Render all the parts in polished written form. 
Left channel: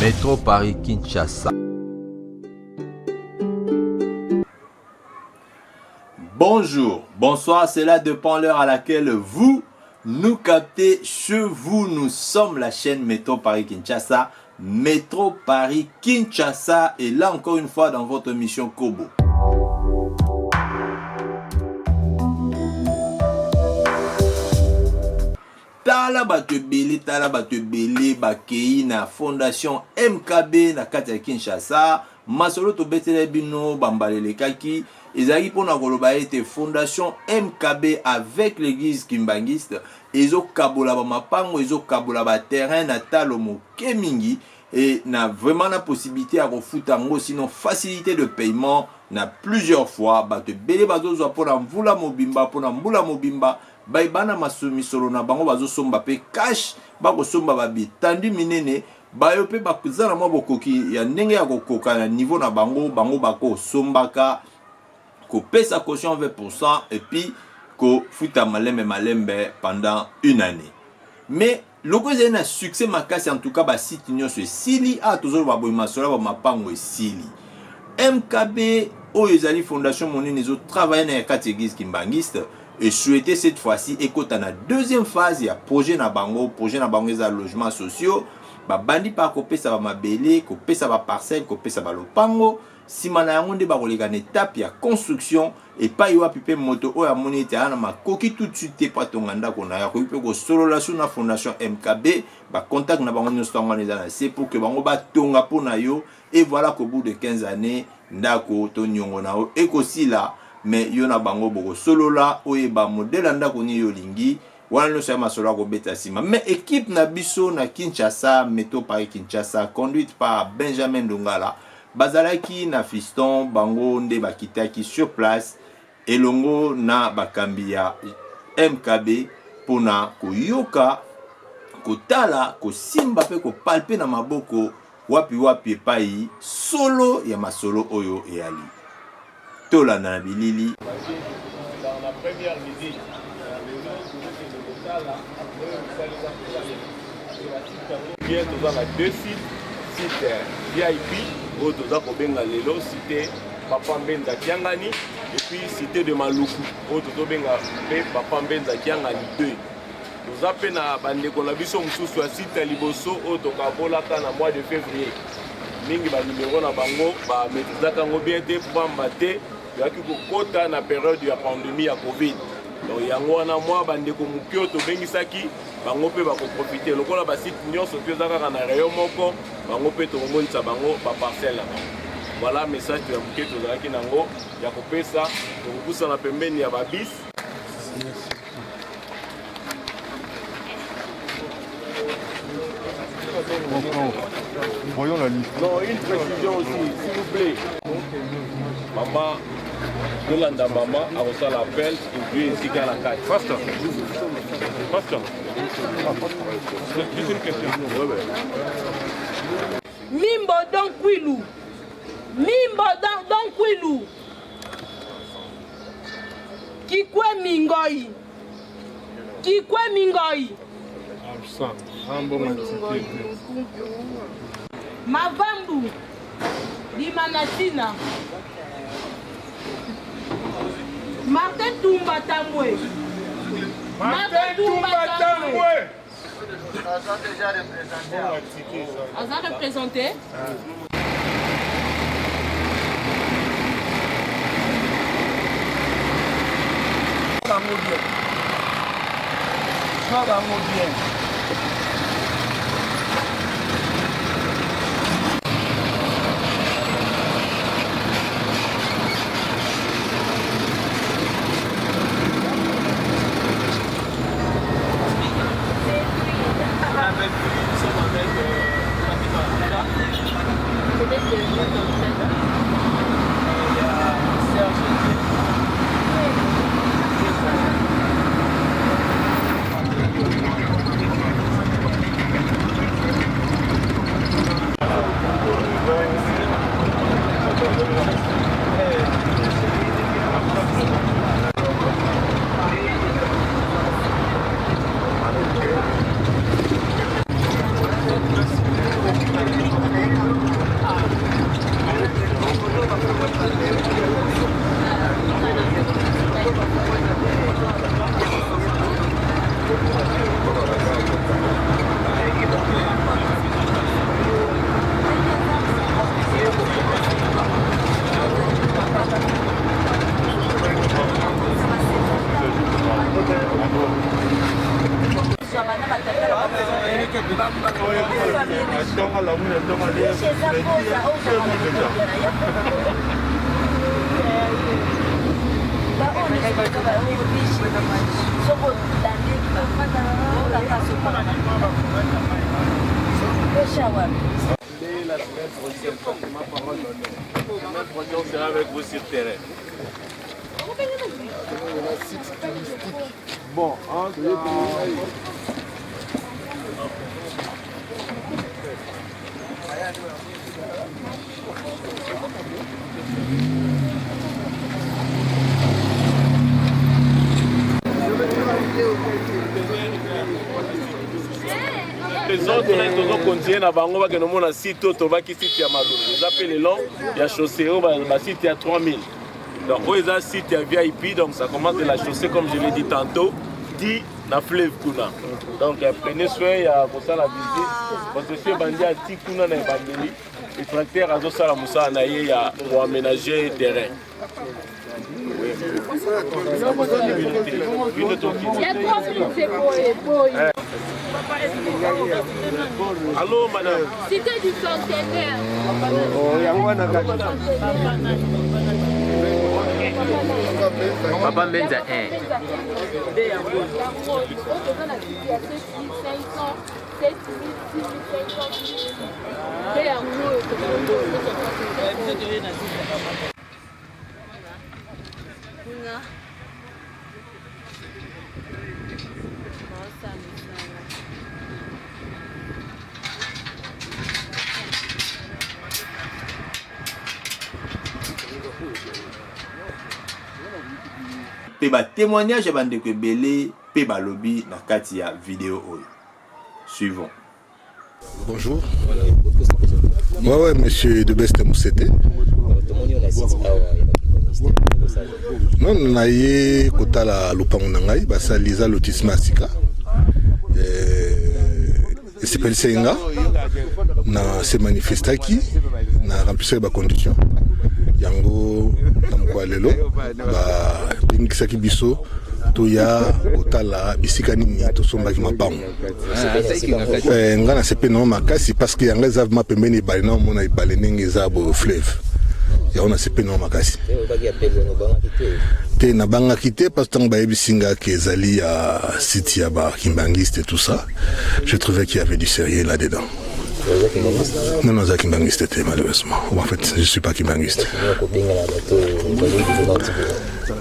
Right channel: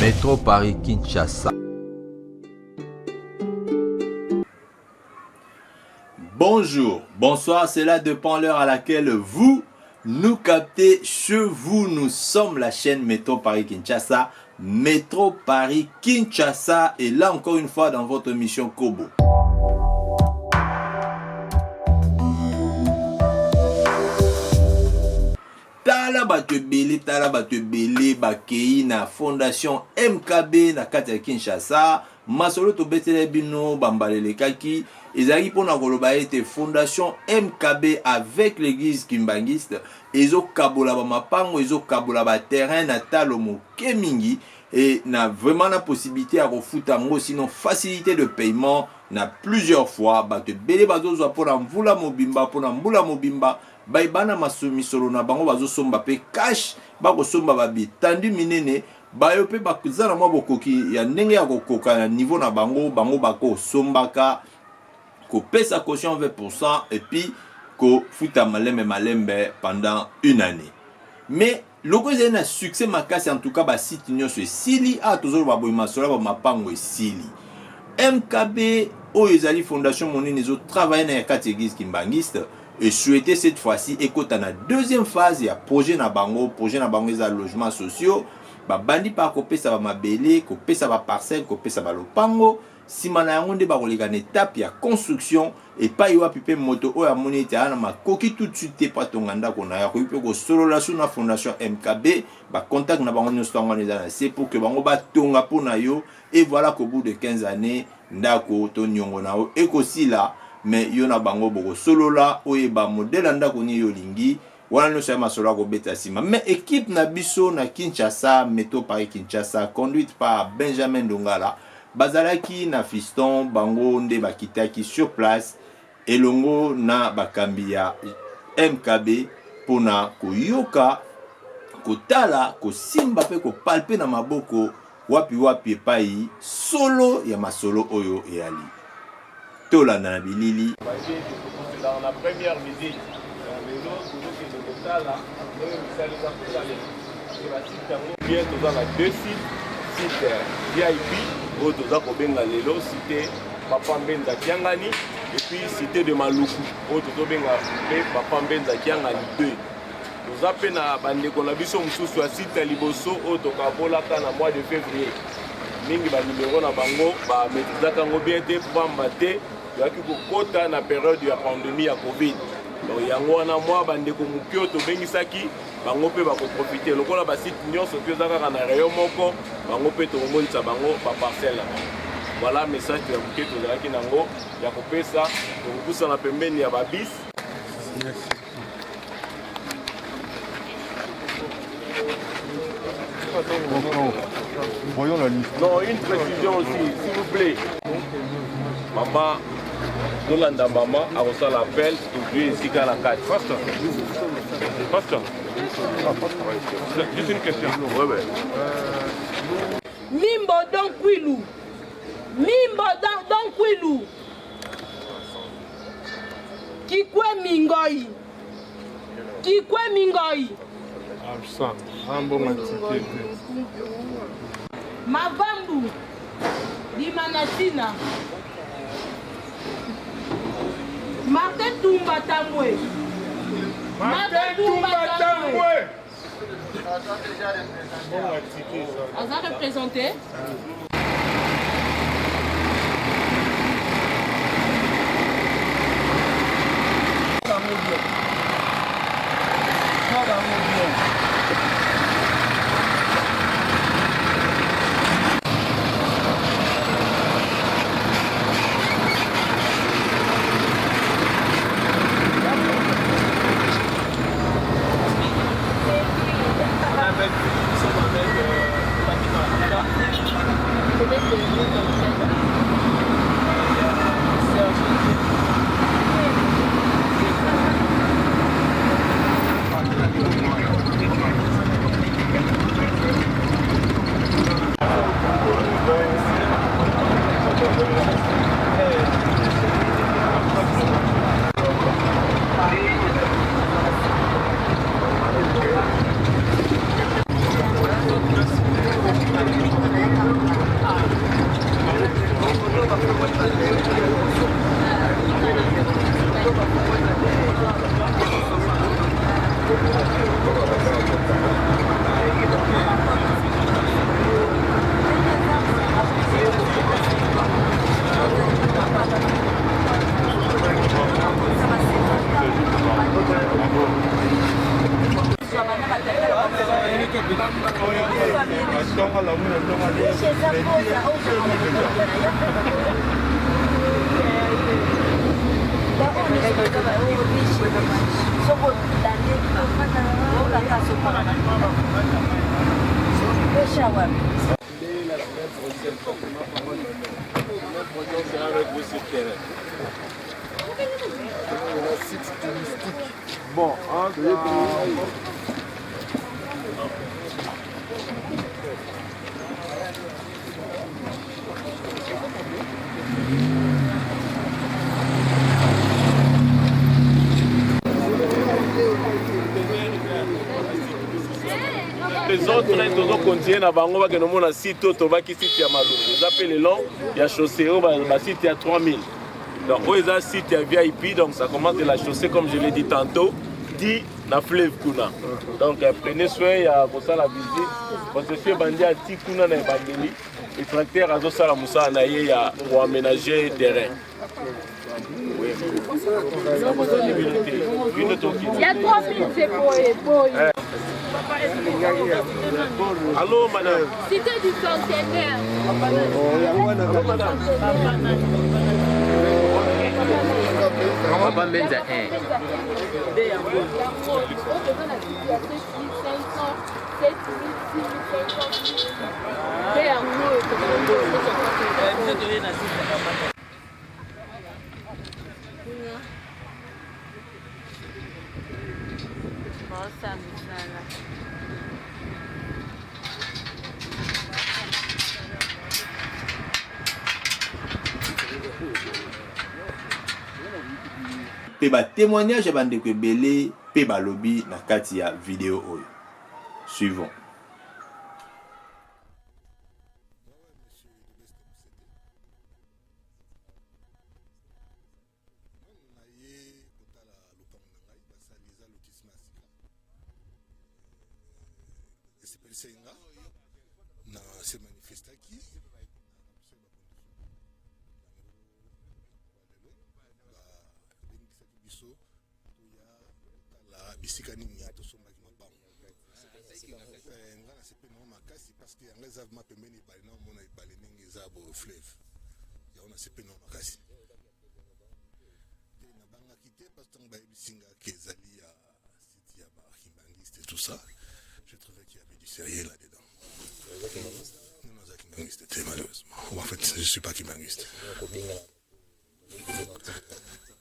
Métro Paris Kinshasa. Bonjour, bonsoir, c'est là dépend l'heure à laquelle vous nous captez chez vous. Nous sommes la chaîne Métro Paris Kinshasa. Métro Paris Kinshasa est là encore une fois dans votre émission Kobo. Tala bato belé bakei na fondation MKB na kati ya Kinshasa. Masolo to betele bino bambalele kaki ezali pona koloba ete fondation MKB avec l'église kimbangiste ezo kabola ba mapango ezo kabola ba terrain na talo moke mingi et na vraiment la possibilité à refuta ngo sinon facilité de paiement na plusieurs fois bato belé bazo zo pona mvula mobimba baibana masumisolo na bango bazo somba pe cash bako somba babi tandu minene bayo pe bakuzana mwa bokoki ya ndenge ya kokoka na niveau na bango bako sombaka ko pesa caution 20% et puis ko futa malembe pendant une année. Mais loko ezali na succès makasi en tout cas ba site nyonso esili a toujours ba boyima sola ba mapango esili. MKB oyo ezali fondation monene ezo travailler na kati église kimbangiste et souhaiter cette fois-ci ekota na deuxième phase ya projet na bango eza logements sociaux ba bandi pa kopesa ba mabele kopesa ba parcelle kopesa ba lopango sima na yango nde ba koleka na étape ya construction et pa yo apipe moto oyo amoni ete ana makoki tout de suite pa tonga ndako na ya ko ipe ko solola sur na fondation MKB ba contact na bango nyonso tonga na c'est pour que bango ba tonga pona yo et voilà qu'au bout de 15 années ndako to nyongo na o ekosila mais yo na bango boko solola oye ba modèle ndako ni yo lingi wana no sama solo ko beta sima mais équipe na biso na Kinshasa Métro Paris Kinshasa conduite par Benjamin Dongala bazalaki na fiston bango nde bakitaki sur place elongo na bakambi ya MKB pona koyoka kotala kosimba pe kopalpe na maboko wapi epai solo ya masolo oyo eyali tolanda na bilili. Dans la première visite, bien dans la deux sites VIP où nous avons benga lelo cité Papa Mbenza Kiangani et puis cité de Maluku où nous benga Papa Mbenza Kiangani 2. Nous avons na bande konabison mususu ya site liboso où tokabola na mois de février. Mingi ba numéro na bango ba metizaka ngo bien te pamba te yaki kokota na période ya pandémie ya Covid. Donc yango wana mwa bandeko mukio to bengisaki bango pe ba ko profiter lokola ba site nyonso pe zaka na rayon moko bango pe to monisa bango ba parcelle. Voilà message ya mukio to zaki nango ya kopesa to kusa na pembeni ya ba bis. Voyons la liste. Non, une précision aussi, s'il vous plaît. Maman, Yolanda maman a reçu l'appel et lui ainsi qu'à la carte. Pasteur. Juste une question. Ouais. Mimbo don kwilu. Kikwe mingoi. Absent. Un bon activité. Mavambu. Dimanatina. Martin Tumba Tamwe. Aza représenté. sera avec vous sur terrain. Bon, les autres, ils ont continué à Bango, qui nous a site qui site à Malou. Ils appellent les longs, il y a chaussée, il site à 3000. Donc, ils ont site à VIP, donc ça commence de la chaussée, comme je l'ai dit tantôt, dit la fleuve Kuna. Donc, prenez soin, il y a pour ça la visite. Parce que si bandi a dit Kuna dans Bangeli, les tracteurs à Zosa Moussa Anaye pour aménager le terrain. Il y a 3 minutes, c'est pour Allô, madame. Cité du centenaire. Papa Benza 1. Pe ba témoignage ya bandeko ebele pe balobi na kati ya vidéo oyo. Suivons. Bonjour. Ouais, monsieur de Best Moussete. Non, na ye kota la lopango na ngai basaliza lotissement sika. Et c'est pas senga na se manifestaki na remplir ba conditions. Yango namko lelo ba bingisaki biso to ya kotala bisika nini to sombaki mabango. Ngana sepe no makasi parce que yanga za ma pembeni bali na mona ibale ningi za bo fleuve. Ya ona sepe no makasi. Te na banga kité parce que ba ebisinga ke zali ya site ya ba kimbangiste et tout ça. Je trouvais qu'il y avait du sérieux là-dedans. Non, non, Kimbangiste était malheureusement. En fait, je ne suis pas Kimbangiste.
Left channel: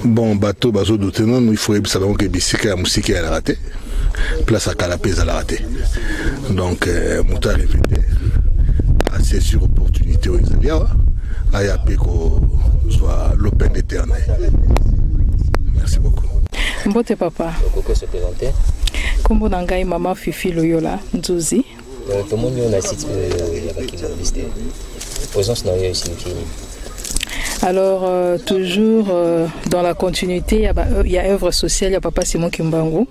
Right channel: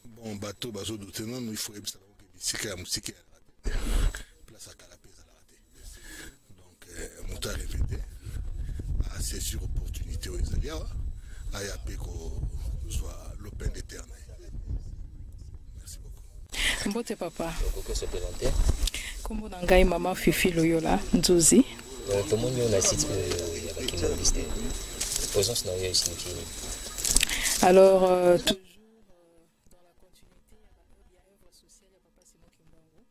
Bon, bateau, bateau d'autre, non, il faut savoir que Bissika et Moussika elle a raté. Place à Calapé, elle a raté. Donc, Mouta est venu assez sur opportunité aux Italiens. Ayapé qu'on soit l'open éternel. Merci beaucoup. Mbote papa. Kombo nanga mama Fifi Loyola Ntuzi. Comment on a cité la présence dans les Alors, toujours dans la continuité, il y a œuvre sociale, il y a Papa Simon Kimbangu,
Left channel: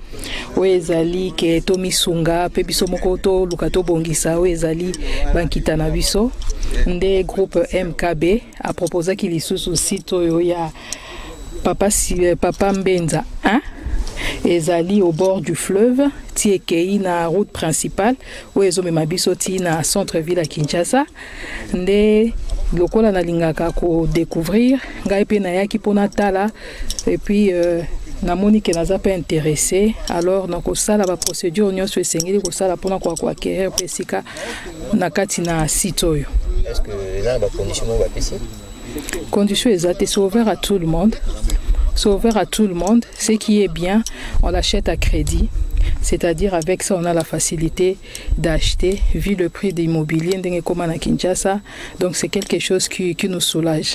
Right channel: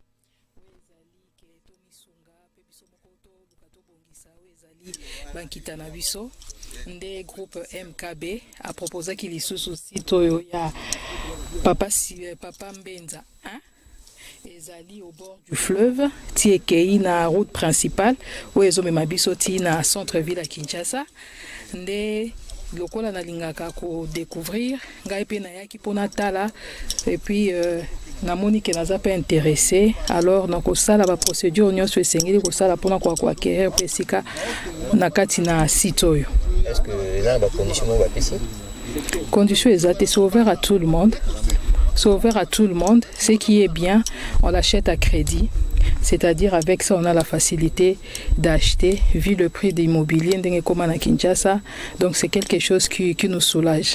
où ezali ke Tomi Sunga, Pebiso Mokoto, Lukato Bongisa, où ezali Bankita Nabiso, des groupes MKB, a proposé qu'il y soit aussi, où il y a Papa Mbenza 1, ezali au bord du fleuve, la route principale. Ezolo mabisoti na centre-ville à Kinshasa nde lokola na lingaka ko découvrir ngai pe na yaki pona tala et puis na moni ke naza pe intéressé à tout le monde à la fois à crédit c'est un peu facilité. Donc c'est quelque chose qui nous soulage.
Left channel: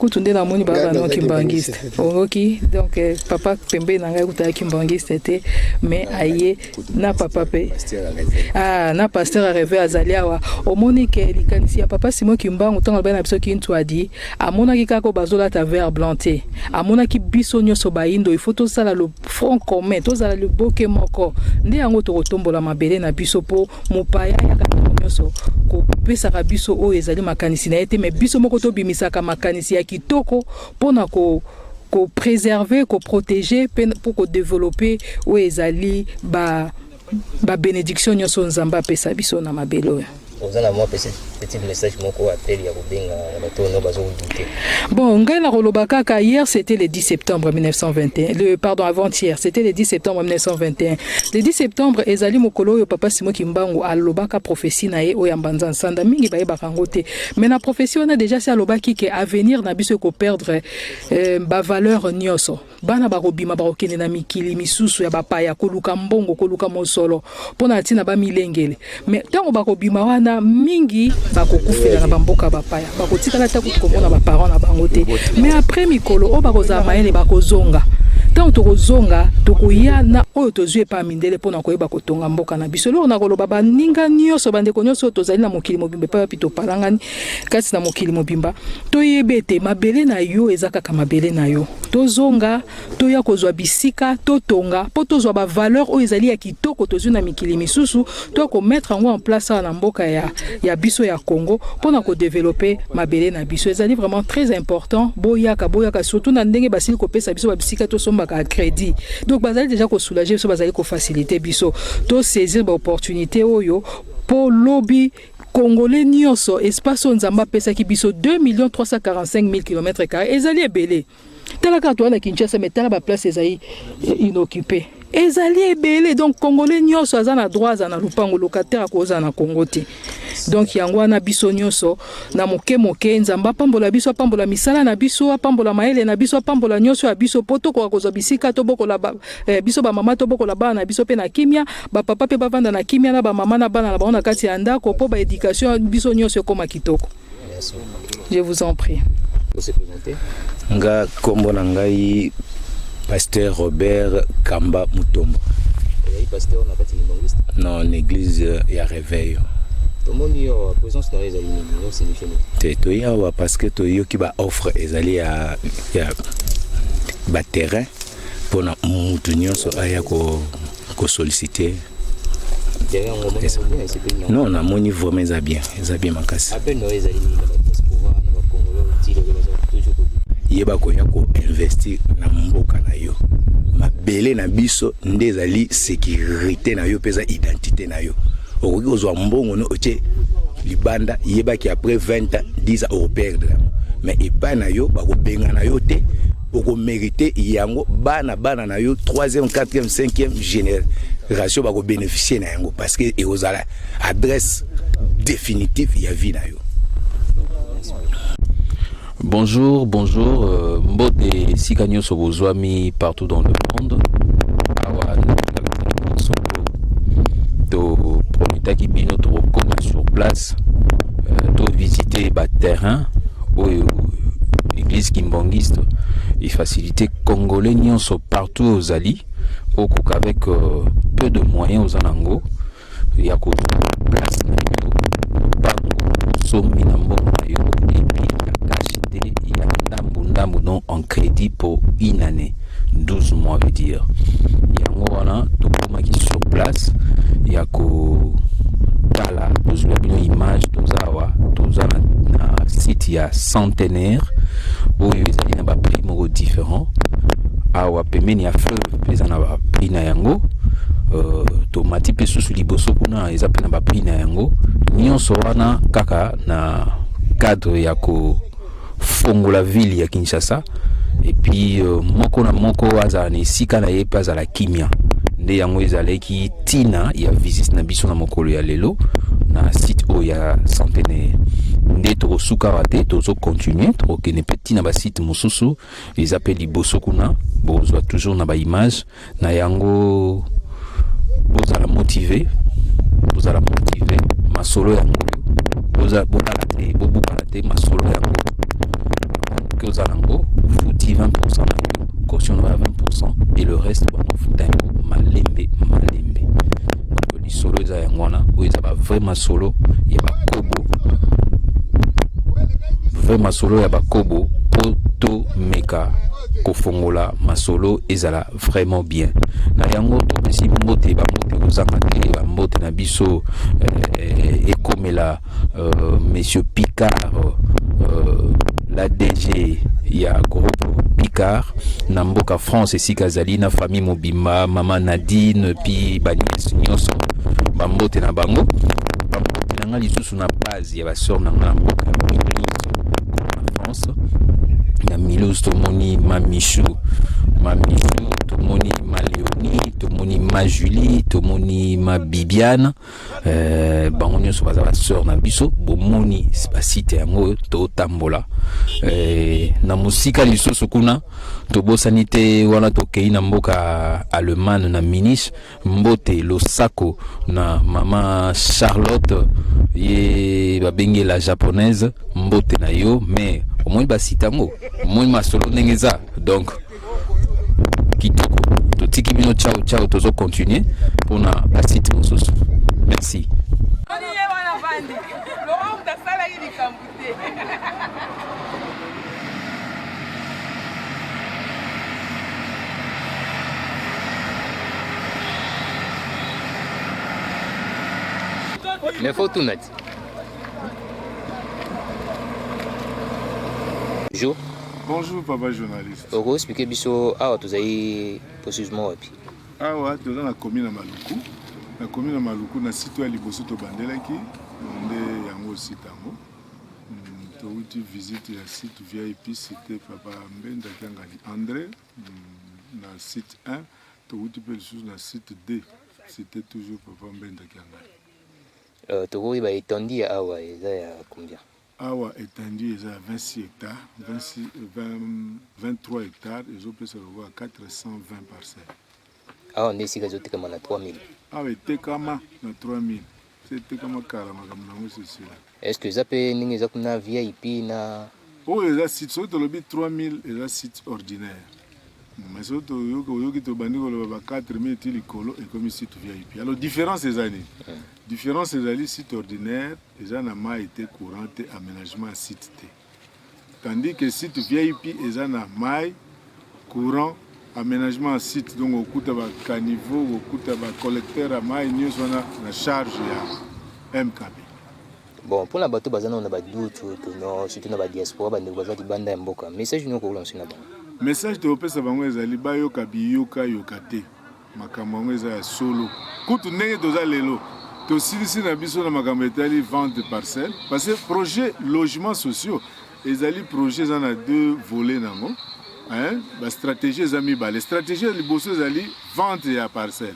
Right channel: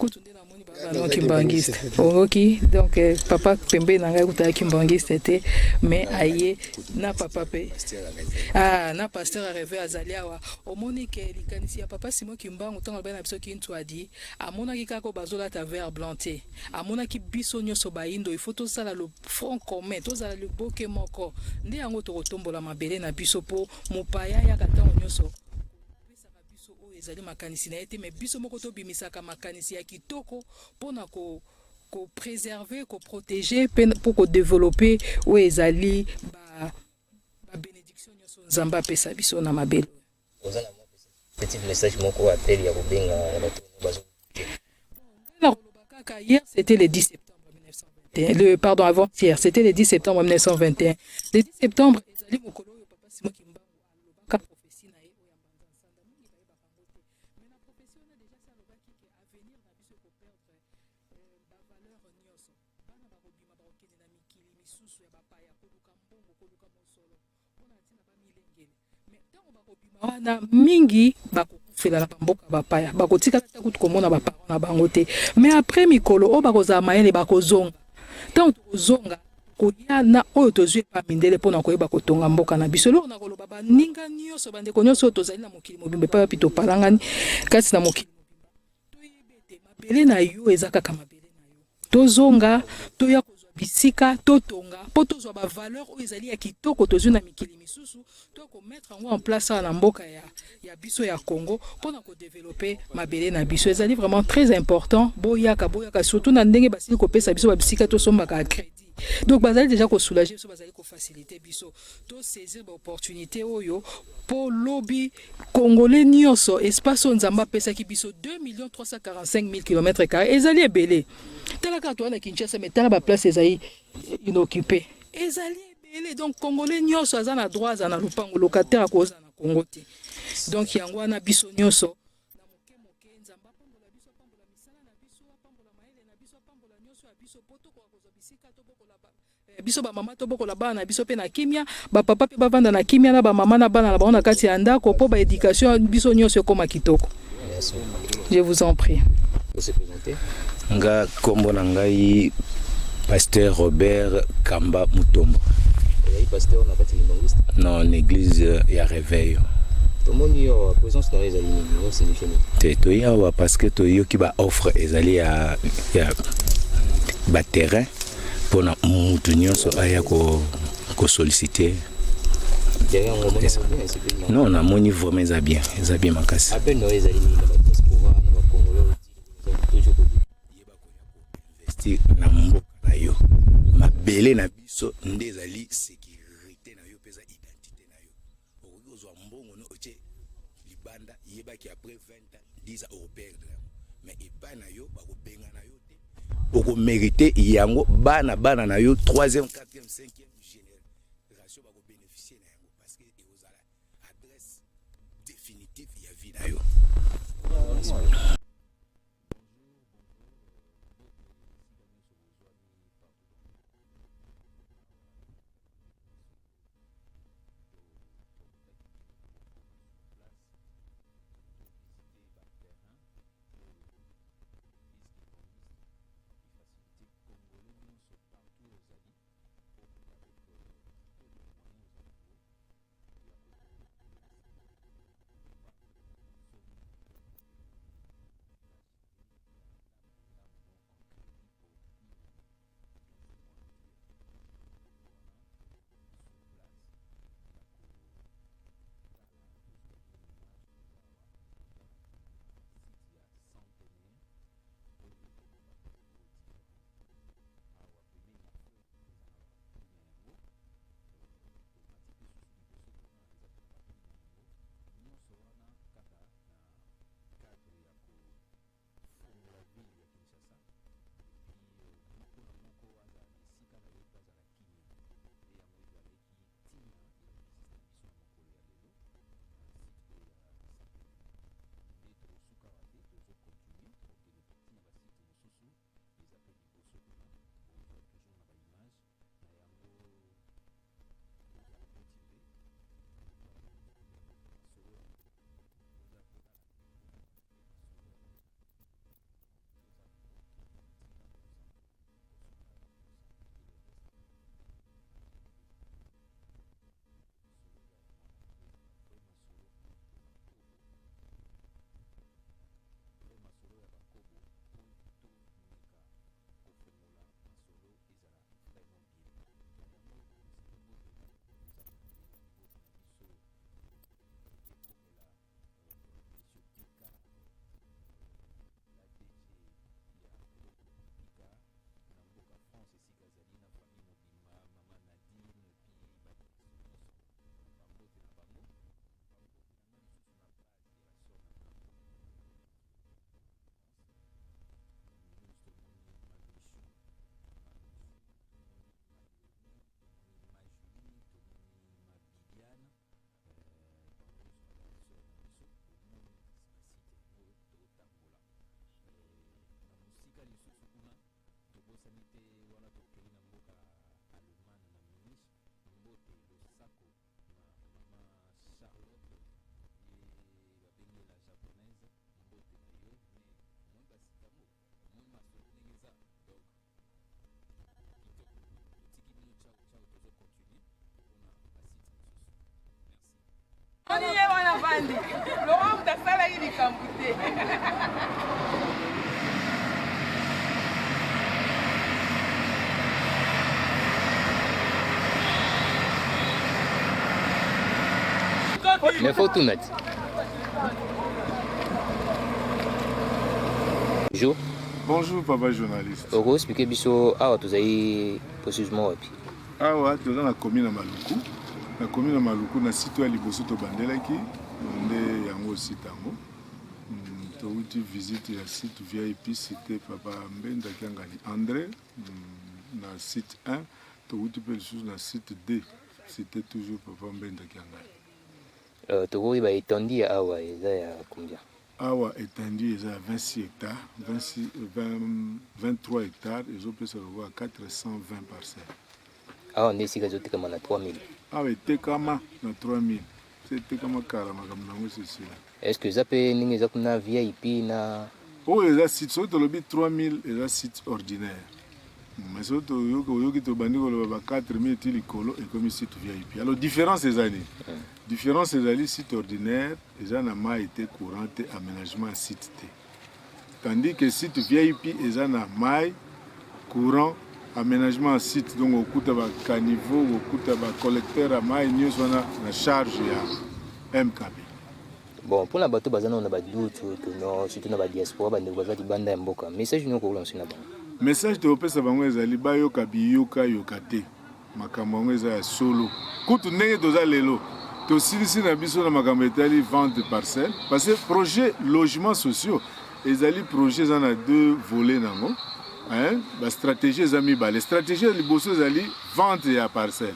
Kutunde na moni baba na Kimbangiste. Mais aye na papa pe. Ah na pasteur a rêvé azaliawa. Omoni ke likanisi ya papa Simon Kimbangu tanga bana biso kintu adi. Amona ki kako bazola ta verre blanté. Amona ki biso nyoso baindo il faut to sala le front commun, to sala le boke moko. Nde yango to kotombola mabele na biso po mopaya ya nyoso ko pesa ka biso o ezali makanisi na ete mais biso moko to bimisaka makanisi ya kitoko pona ko préserver, ko protéger oyo ezali bénédiction nyonso nzambe apesa biso na mabele oyo. Bon, ngai nakoloba kaka hier c'est septembre 1921. C'était le 10 septembre 1921. 10 septembre ezali mokolo oyo papa Simon Kimbangu alobaka prophétie na ye oyo mbanza nsanda mingi bayebaka ngo te. Mais na prophétie on a déjà si alobaki ke avenir na biso ko perdre ba valeur nyonso. Bana bakobima bakokende na mikili misusu ya bapaya koluka mbongo koluka mosolo pona tina ba milengele. Mais tango bakobima wana bakokufa na bambuka. Parole. Nga tokotsonga tokuya zwe pa koyeba ko na koloba baninga nyonso bandeko nyonso tozali na mokili mobimba toyebete mabele na yo ezaka mabele na yo toya kozwa bisika totonga tozwa ba valeur oyo ezali ya kitoko na mikili misusu to ko mettre en place na mboka ya biso ya Congo pona ko développer mabele na biso ezali vraiment boyaka surtout na basi baka crédit déjà ko soulager biso bazali ko faciliter biso to saisir ba opportunité oyo pour lobby congolais nyonso espace nzamba pesa ki biso 2 345 000 ezali belé talaka to na Kinshasa metala ba place inoccupé ezali ebele donc congolais nyonso azana droit za na lupango zana kokote. Donc yango na biso nyonso na moke nzamba pambola biso pambola misala na biso pambola maele na biso pambola nyonso ya biso poto ko kozwa bisika to bokola biso ba mama to bokola ba na biso pe na kimia pe nga kombo na ngai Kamba. Non, vous m'aidez. Yeba ko yako invest okana na biso ndezali sécurité na yo pesa identité na yo okoki kozwa mbongo no oche libanda yeba ki après 20 ans 10 ans au perdre mais epa na yo bako benga na yo te bana baba 3e 4e 5e génération bako bénéficier na yango parce que e ozala adresse définitive ya vie na. Bonjour, Mbote Sikanyo Sobozwami partout dans le monde. Awa to Promita Kibino to koma sur place, to visiter ba terrain ou église kimbangiste et faciliter congolais nyonso partout aux Ali, au avec peu de moyens aux Anango, il y a quoi place somi na mbongo na yo et puis acheter il y a ndambu en crédit pour une année 12 mois veut dire yango wana to komaki sur place ya ko tala tozwa bino image tozawa tozana na site ya centenaire oyo ezali na ba prix moko différent awa pemeni ya fleuve pesa na ba prix na yango to mati pe susu liboso kuna eza pe na ba prix na yango nyonso wana kaka na cadre ya ko fongola ville ya Kinshasa et puis moko na moko azala na esika na ye pe azala kimia nde yango ezalaki tina ya visite na biso na mokolo ya lelo na site oyo ya centenaire nde tokosuka wate tozo continuer tokokende pe na ba site mosusu eza pe liboso kuna bozwa toujours na ba image na yango bozala motivé masolo yango bozala bolate bobukalate masolo yango que ozalango futi 20% na yo caution na 20% et le reste bano futa yango malembe lisolo eza yango wana oyo eza ba vrai masolo ya bakobo po to meka kofongola masolo ezala vraiment bien na yango topesi mbote bamote kozanga te bambote na biso ekomela monsieur Picard la DG ya groupe Picard na mboka France esika zali na famille mobimba mama Nadine puis banies nyonso bambote na bango bambote na nga lisusu na base ya basor na nga na mboka Mulhouse na France na Mulhouse tomoni ma Michou tomoni ma Léonie tomoni ma Julie tomoni ma Bibiane bango nyonso baza basor na biso bomoni basite yango totambola na musika lisusu kuna tobosani te wana tokei na mboka Allemagne na Munich mbote losako na mama Charlotte ye babengi la japonaise mbote na yo mais omoni basite yango omoni masolo ndenge eza donc kitoko totiki bino ciao tozo continuer mpona basite mosusu merci. Mais faut tout mettre. Bonjour. Bonjour, papa journaliste. Oko expliquer biso awa tozali précisément wapi. Awa toza na commune ya Maluku. Na commune ya Maluku na site ya liboso tobandelaki nde yango site yango. Touti visite ya site VIP cité papa Mbenda Kiangali André na site 1 touti pe lisusu na site 2 cité toujours papa Mbenda Kiangali. Toko ba étendue awa eza ya combien? Awa étendue eza 26 hectares, 23 hectares et je peux se revoir 420 parcelles. Awa nde sika zotekama na 3000. Awa etekama na 3000. C'est tekama karama comme nango c'est. Est-ce que ça peut ningi za kuna VIP na oh les sites so to lobi 3000 les sites ordinaires. Mais so to yoki to bandi ko loba 4000 tilikolo et comme site VIP. Alors différence ces années. Différence ces années site ordinaire, les ana ma été courante aménagement site T. Tandis que site VIP les ana mai courant aménagement site donc au kuta ba caniveau au kuta ba collecteur à mai nyos wana na charge ya MKB. Bon, pour la bateau bazana on a ba doute que non surtout na ba diaspora ba ndeko bazati banda mboka. Message nous ko lancer na bango. Message to pesa bango ezali ba yoka biyoka yokate. Makambo ngo eza solo. Kutu ndenge toza lelo. To silisi na biso na makambo etali vente parcelle parce que projet logement sociaux ezali projet za na deux volets nango. Hein? La stratégie est amis bas. La stratégie est la vente à parcelle,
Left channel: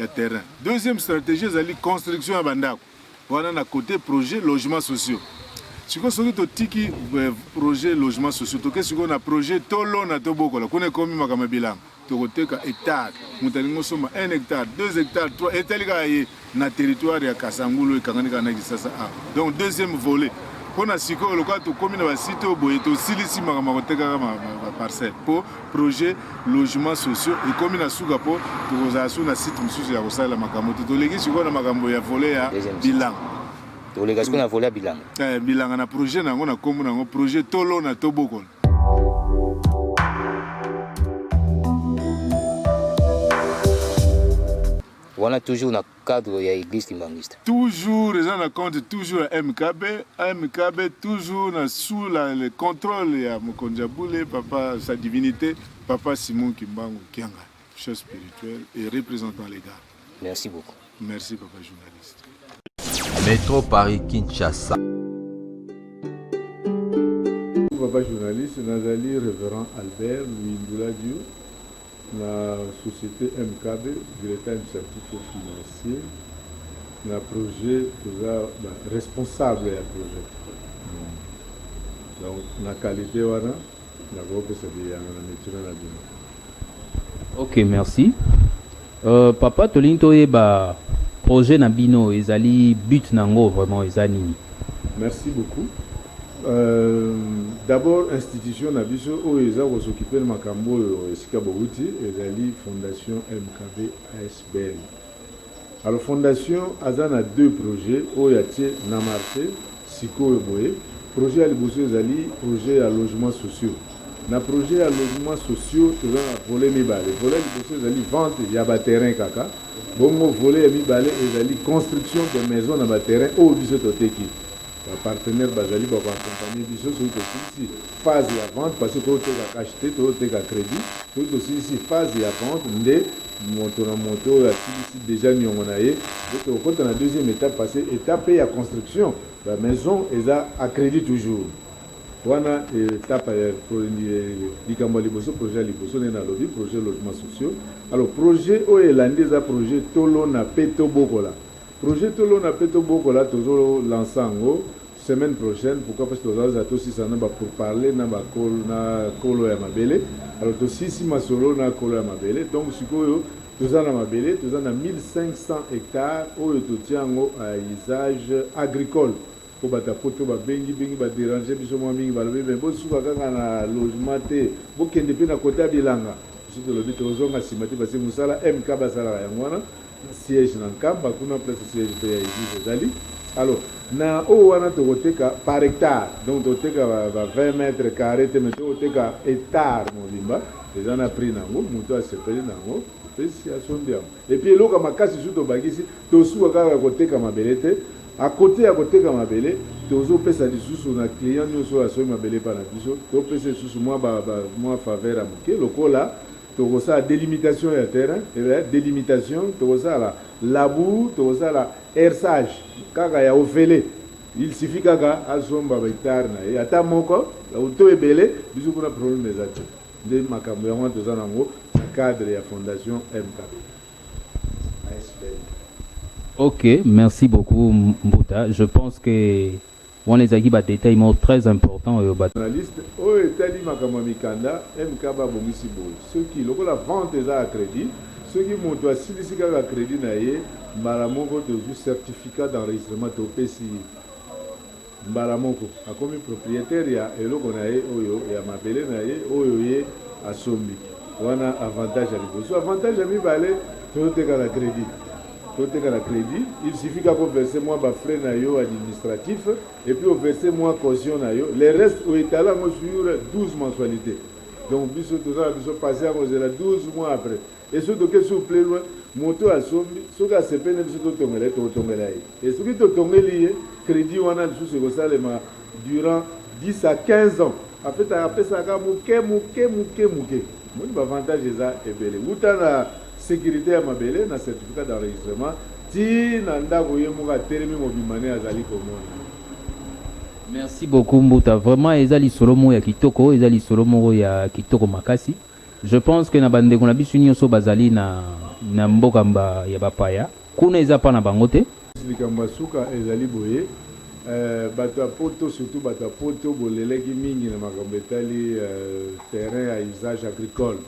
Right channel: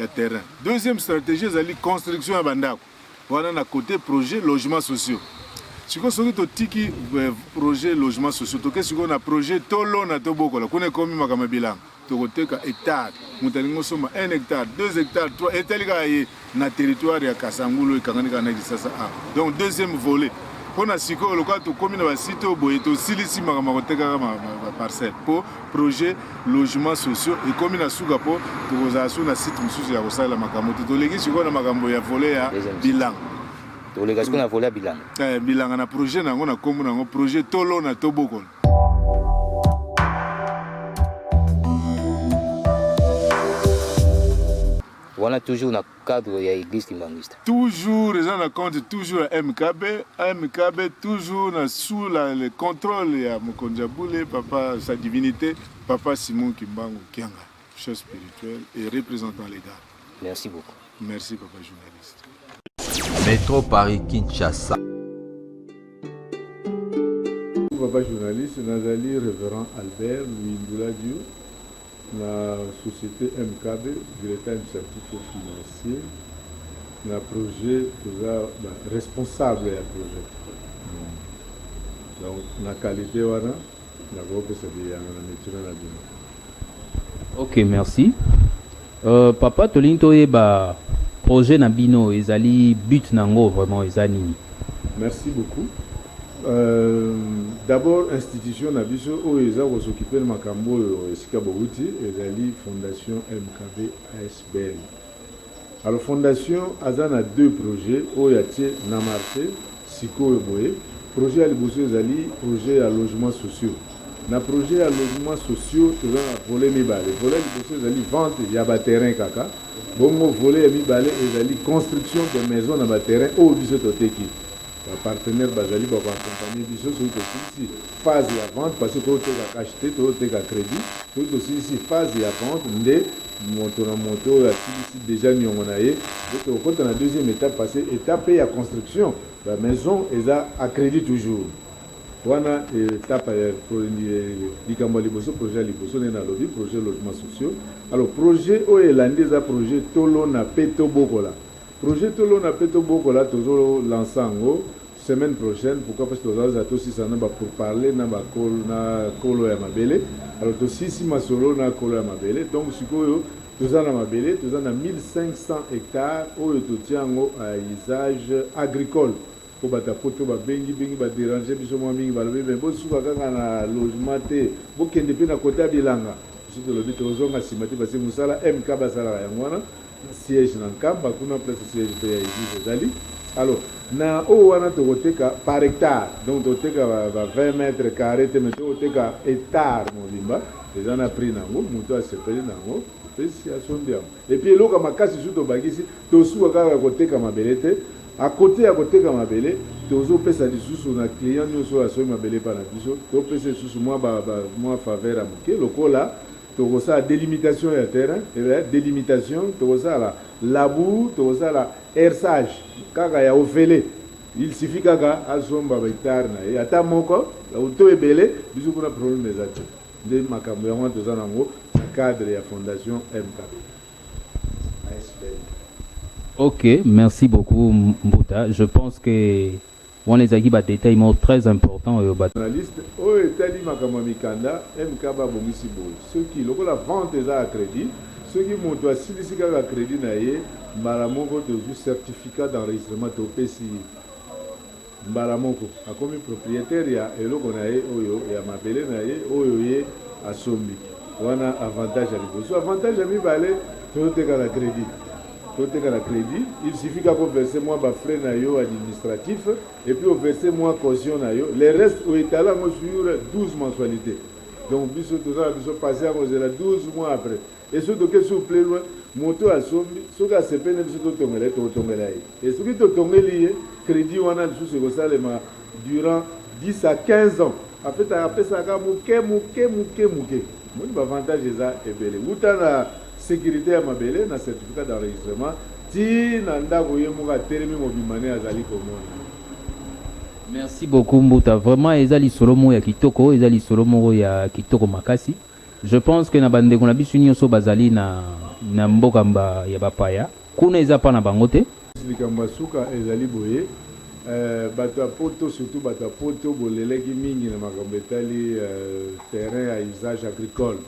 à terrain. Deuxième stratégie est la construction à bandako. Voilà à côté projet logement sociaux. Si vous avez un projet logement sociaux, si vous avez un projet tolo na toboko, la connaît comme ma bilan. Tu as un hectare, nous avons 1 hectare, 2 hectares, 3 hectares na territoire ya Kasangulo et Kanganika na Gisasa. Donc deuxième volet. Pour na siko local to commune ba site oboye to silisi makama koteka ma parcelle pour projet logement sociaux et commune asuka po to zasu na site mususu ya kosala makambo to legi siko na makambo ya volet ya bilan to legi siko na volet ya bilan bilan na projet nango na kombo nango projet tolo na toboko. On a toujours dans le cadre de l'église Kimbangiste. Toujours, les gens comptent toujours à MKB, toujours sous le contrôle de Mokonjaboule, papa, sa divinité, papa Simon Kimbangu Kianga, chef spirituel et représentant légal. Merci beaucoup. Merci, papa journaliste. Métro Paris Kinshasa. Papa journaliste, Nazali, révérend Albert Louis Ndouladio. La société MKB, directeur administratif financier, le projet responsable du projet. Donc, la qualité, la ok, merci. Papa, Tolinto eba projet Nabino, ezali but nango vraiment ezali. Merci beaucoup. D'abord, institution Nabiso, où ils ont s'occupé de Makambo et Sikabouti, et la Fondation MKB ASBL. Alors, Fondation a deux projets, où il y a Namarté, Siko et Boé. Projet à l'Ibosso, projet à logement sociaux. Dans le projet à logement sociaux, il y a un volet Mibale. Le volet à l'Ibosso, vente, il y a un terrain caca. Bon, le volet Mibale, il y a construction de maisons dans le terrain, où il y a partenaire bazali ba accompagner biso sur ici phase ya vente parce que to teka acheter to teka crédit to aussi phase ya vente nde moto na moto ya ici déjà nyongo na ye to kota na deuxième étape parce étape ya construction la maison eza à crédit toujours wana étape likambo liboso projet liboso na lobby projet logement sociaux alors projet o elandi za projet tolo na peto bokola projet tolo na peto bokola tozo lançango semaine prochaine pourquoi parce que tozo za to sisa na ba pour parler na ba kolo ya mabele alors to sisi masolo na kolo ya mabele donc sikoyo toza na mabele toza na 1500 hectares oyo totiango à usage agricole po bata poto ba bengi ba déranger biso mwa mingi ba lobe bo suka kaka na logement te bo kende pe na kota bilanga surtout le bito zonga simati parce que musala MK basala yango wana siège na nkamba kuna place siège pe ya église zali alors na o wana tokoteka par hectare donc toteka ba 20 mètres carrés te meto toteka hectare molimba déjà na prix nango muto asepeli nango pesi asombi yango et puis eloko makasi surtout bagisi tosuka kaka koteka mabele te à côté à côté comme mabele tozo pesa lisusu na client nyonso asombi mabele pa na biso to pesa lisusu moi faveur à moke lokola tokosa délimitation ya terrain et délimitation tokosa la labour tokosa la herçage kaka ya ofele il suffit kaka azomba ba hectare na ye ata moko la auto ebele biso kuna problème des actes de makambo yango toza nango na cadre ya fondation MK. Ok, merci beaucoup Mbuta. Je pense que on les a dit des détails très importants. Journaliste, oh etali makambo mikanda MK ba bongisi boy. Ceux qui lokola vente eza à crédit, ceux qui montent à silisi kaka crédit na ye, mbala moko tozu certificat d'enregistrement to pesi. Mbala moko akomi propriétaire ya eloko na ye oyo ya mabele na ye oyo ye asombi. Wana avantage à liboso. Avantage à mibale to teka la crédit. Côté la crédit, il suffit qu'on verse moi bas frais nayo administratif et puis on verse moi caution nayo. Les restes au étalon sur 12 mensualités. Donc biso tout ça biso passer à 12 mois après. Et ce que s'il vous plaît moto a sombi, ce que c'est peine biso to tongela. Et ce qui to tongeli crédit on a sous ce ça durant 10 à 15 ans. En fait après ça ka muke. Mon avantage ça est belé. Utana sécurité à mabele na certificat d'enregistrement ti na ndako ye moka telemi mobimane azali komona. Merci beaucoup Mbuta, vraiment ezali solomo ya kitoko, ezali solomo ya kitoko makasi. Je pense que na bande kuna bisu nyonso bazali na mboka mba ya bapaya kuna eza pa na bango te likambo suka ezali boye bato poto surtout bato poto boleleki mingi na makambo etali terrain à usage agricole.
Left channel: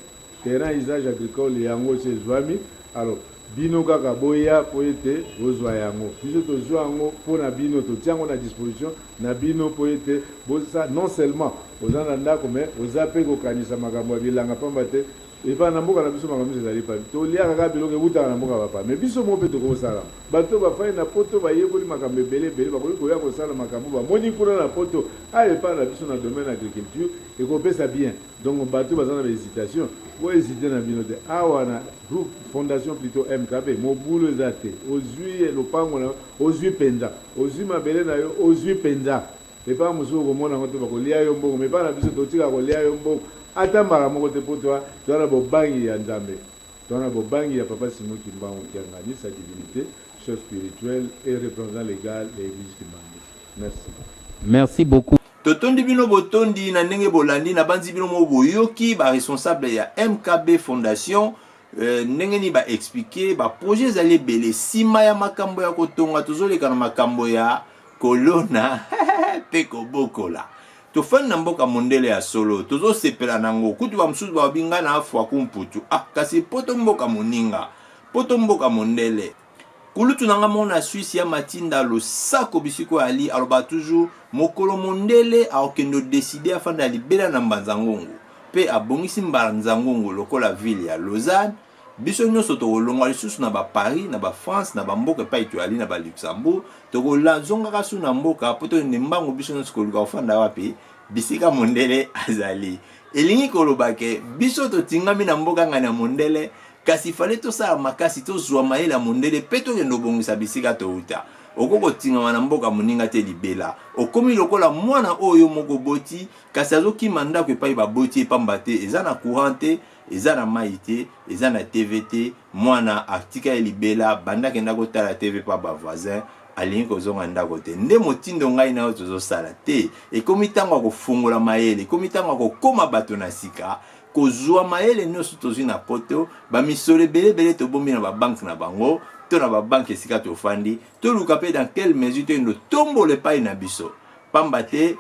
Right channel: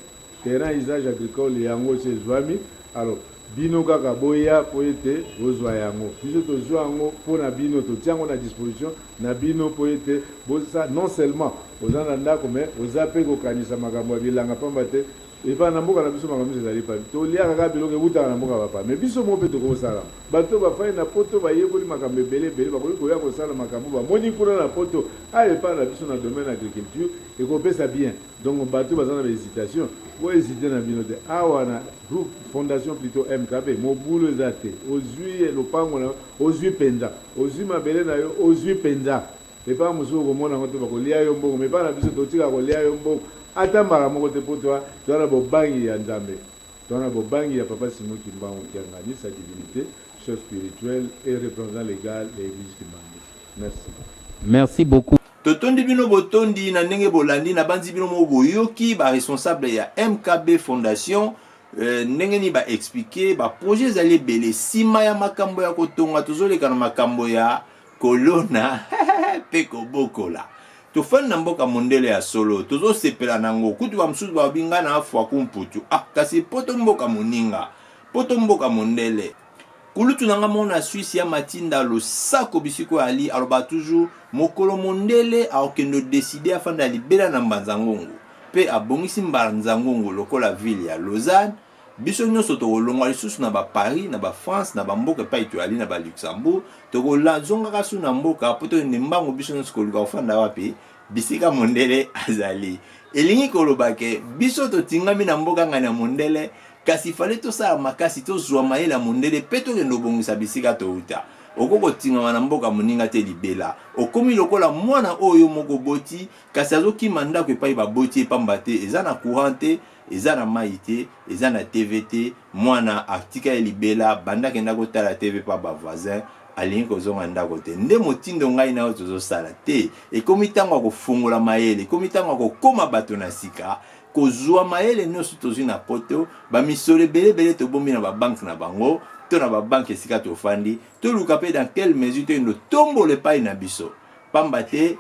Terrain à usage agricole yango se zwami alors bino kaka boya po ete bozwa yango biso tozwa yango mpona bino totiango na disposition na bino po ete boza non seulement oza na ndako mais oza mpe kokanisa makambo ya bilanga pamba te epa na mboka na biso makambo ezali pa tolia kaka biloko ebutaka na mboka bapa mais biso mo mpe tokosala bato bafai na poto bayekoli makambo ebele bakoki koya kosala makambo bamoni kuna na poto epa na biso na domaine agriculture ekopesa bien donc bato baza na bahésitation bohésite na bino te awa na groupe fondation plutôt MKB mobulu eza te ozwi lopango na ozwi mpenza ozwi mabele na yo ozwi mpenza epa mosusu okomona ngo te bakolia yo mbongo mais epa na biso totika kolia yo mbongo ata mbala moko te po toana bobangi ya nzambe toana bobangi ya papa Simon Kimbangu Kiangani sa divinité chose spirituelle et représentant légal de l'église Kimbangu. Merci beaucoup. Totondi bino botondi na ndenge bolandi na banzi bino mo boyoki ba responsable ya MKB Fondation ndenge ni ba expliquer ba projet zali belé sima ya makambo ya kotonga tozoleka na makambo ya kolona peko bokola tofani na mboka mondele ya solo tozo sepela nango kutu ba msusu ba binga na afwa kumputu kasi poto mboka moninga poto mboka mondele kulutu nanga mona Suisse ya matinda lo sako bisiko ali aloba toujours mokolo mondele aokendo décider afanda libela na mbanzangongo pe abongisi mbanzangongo lokola ville ya Lausanne biso nyonso tokolongwa lisusu na ba Paris na ba France na ba mboka pa etoali na ba Luxembourg tokolanzonga kasu na mboka poto ndembango biso nyonso koluka ofanda wapi bisika mondele azali elingi kolobake biso totingami na mboka ngana mondele kasi fale to sa makasi to zwa maela mondele peto kendo bongisa bisika to uta okoko tingama na mboka moninga te libela okomi lokola mwana oyo moko boti kasi azokima ndako epai baboti epamba te eza na courant te eza na mai te eza na TV te mwana atika ya libela bandaki ndako tala TV pa bavoisin alingi kozonga ndako te nde motindo ngai na yo tozosala te ekomi ntango akofungola mayele ekomi ntango akokoma bato na sika kozwa mayele nyonso tozwi na poto bamisolo ebelebele tobombi na babanke na bango to na babanke esika tofandi toluka mpe dans quelle mesure toyendo tombola epai na biso pamba te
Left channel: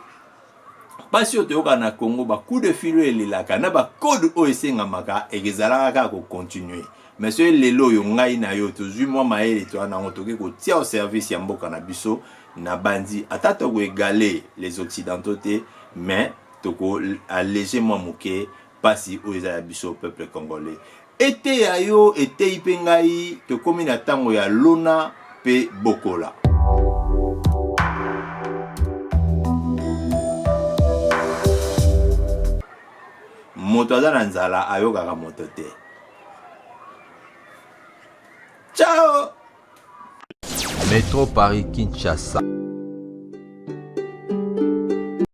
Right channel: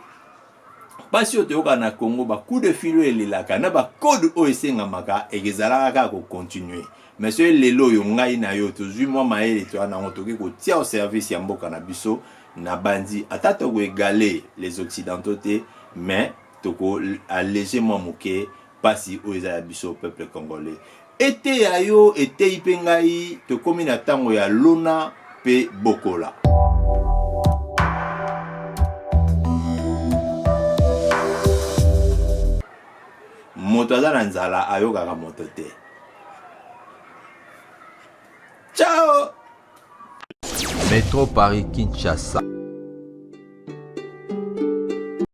pasi oyo toyoka na Congo bacoup de fil oyo elelaka na bacode oyo esengamaka ekezalaka kaka kocontinue mais soki lelo oyo ngai na yo tozwi mwa mayele toya nango tokoki kotia au service ya mboka na biso na bandi ata tokoegale les occidentaux te mais tokoallege mwa moke pasi oyo eza ya biso peuple congolais ete ya yo etei mpe ngai tokomi na ntango ya lona mpe bokola. Moto aza na nzala ayokaka moto te. Ciao. Métro Paris Kinshasa.